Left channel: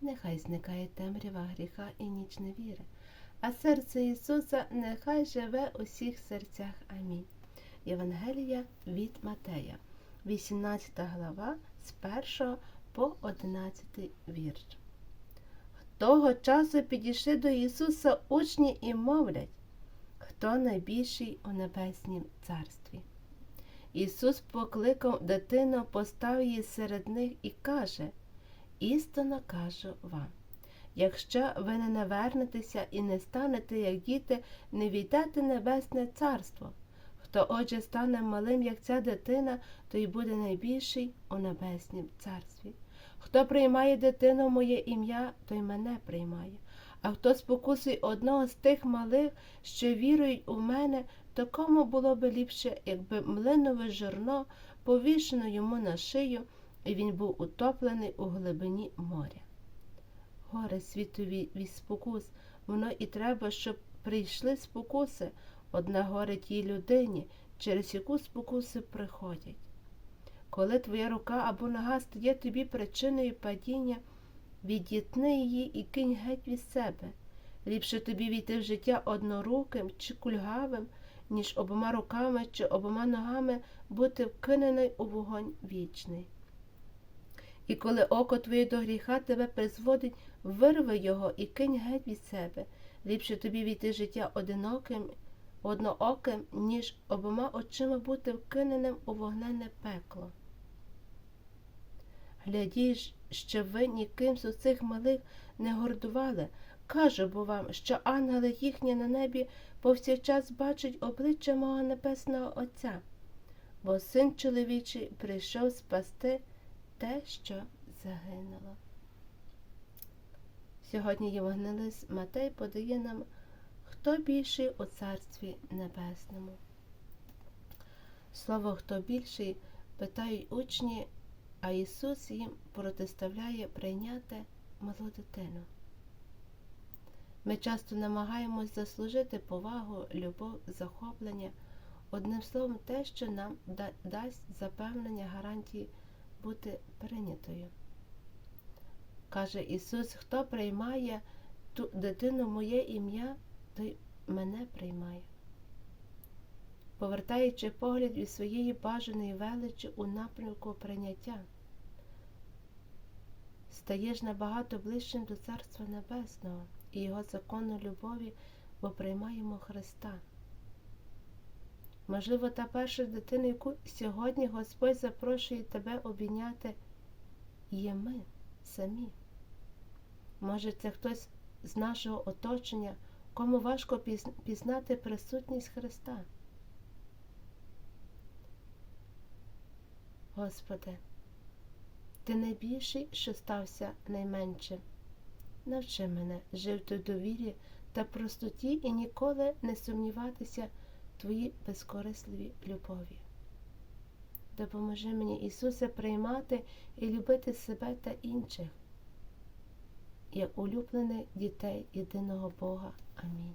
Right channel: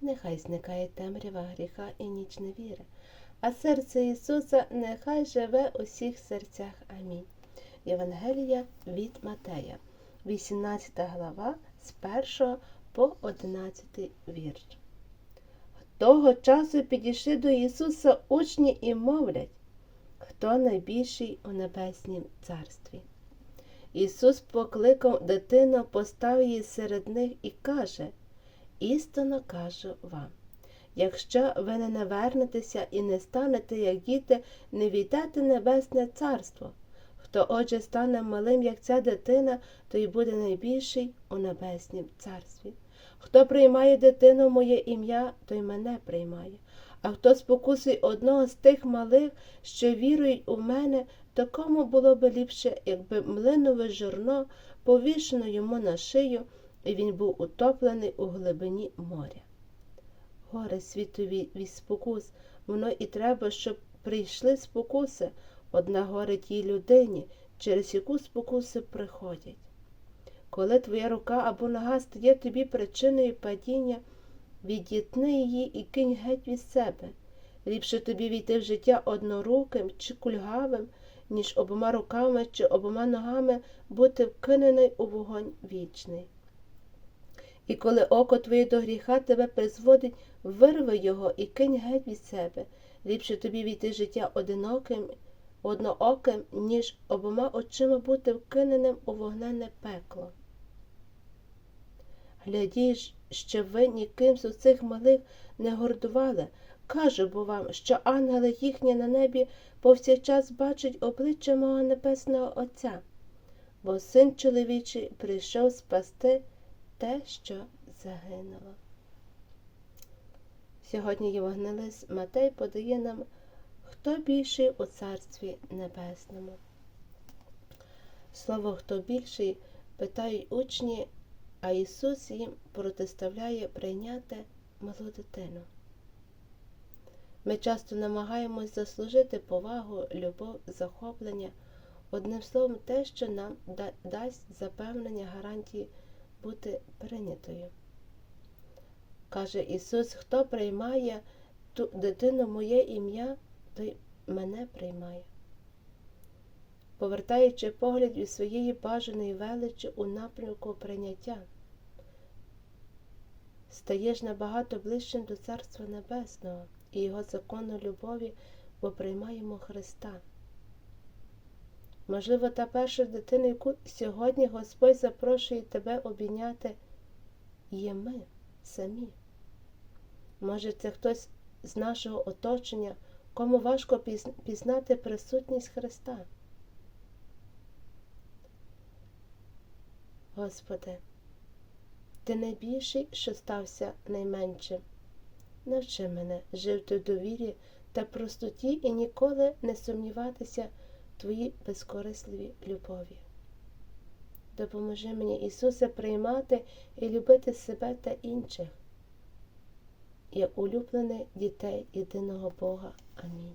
нехай зникає темрява гріха і ніч невіри, а серце Ісуса нехай живе у всіх серцях. Амінь. Євангелія від Матея, 18 глава з 1 по 11 вірш. Того часу підійшли до Ісуса учні і мовлять, хто найбільший у небеснім царстві. Ісус покликав дитину, постав її серед них і каже: Істинно кажу вам, якщо ви не навернетеся і не станете, як діти, не війдете небесне царство. Хто отже стане малим, як ця дитина, той буде найбільший у небеснім царстві. Хто приймає дитину моє ім'я, той мене приймає. А хто спокусить одного з тих малих, що вірують у мене, то кому було б ліпше, якби млинове жорно повішено йому на шию, і він був утоплений у глибині моря. Горе світові від спокус, воно і треба, щоб прийшли спокуси, одна горе тій людині, через яку спокуси приходять. Коли твоя рука або нога стає тобі причиною падіння, відітни її і кинь геть від себе. Ліпше тобі війти в життя одноруким чи кульгавим, ніж обома руками чи обома ногами бути вкинений у вогонь вічний. І коли око твоє до гріха тебе призводить, вирви його і кинь геть від себе. Ліпше тобі війти життя одиноким, однооким, ніж обома очима бути вкиненим у вогнене пекло. Глядіть, що ви ніким з оцих малих не гордували. Кажу бо вам, що ангели їхні на небі повсякчас бачать обличчя мого небесного Отця, бо син чоловічий прийшов спасти те, що загинуло. Сьогодні Євангелист Матей подає нам, хто більший у Царстві Небесному. Слово хто більший питають учні, а Ісус їм протиставляє прийняти малу дитину. Ми часто намагаємось заслужити повагу, любов, захоплення, одним словом, те, що нам дасть запевнення гарантії бути прийнятою. Каже Ісус, хто приймає ту дитину моє ім'я, той мене приймає. Повертаючи погляд від своєї бажаної величі у напрямку прийняття, стаєш набагато ближчим до Царства Небесного і Його закону любові, бо приймаємо Христа. Можливо, та перша дитина, яку сьогодні Господь запрошує тебе обійняти, є ми самі. Може, це хтось з нашого оточення, кому важко пізнати присутність Христа. Господи, Ти найбільший, що стався найменшим. Навчи мене жити в довірі та простоті і ніколи не сумніватися в безкорисливі любові. Допоможи мені, Ісусе, приймати і любити себе та інших, як улюблене дітей єдиного Бога. Амінь.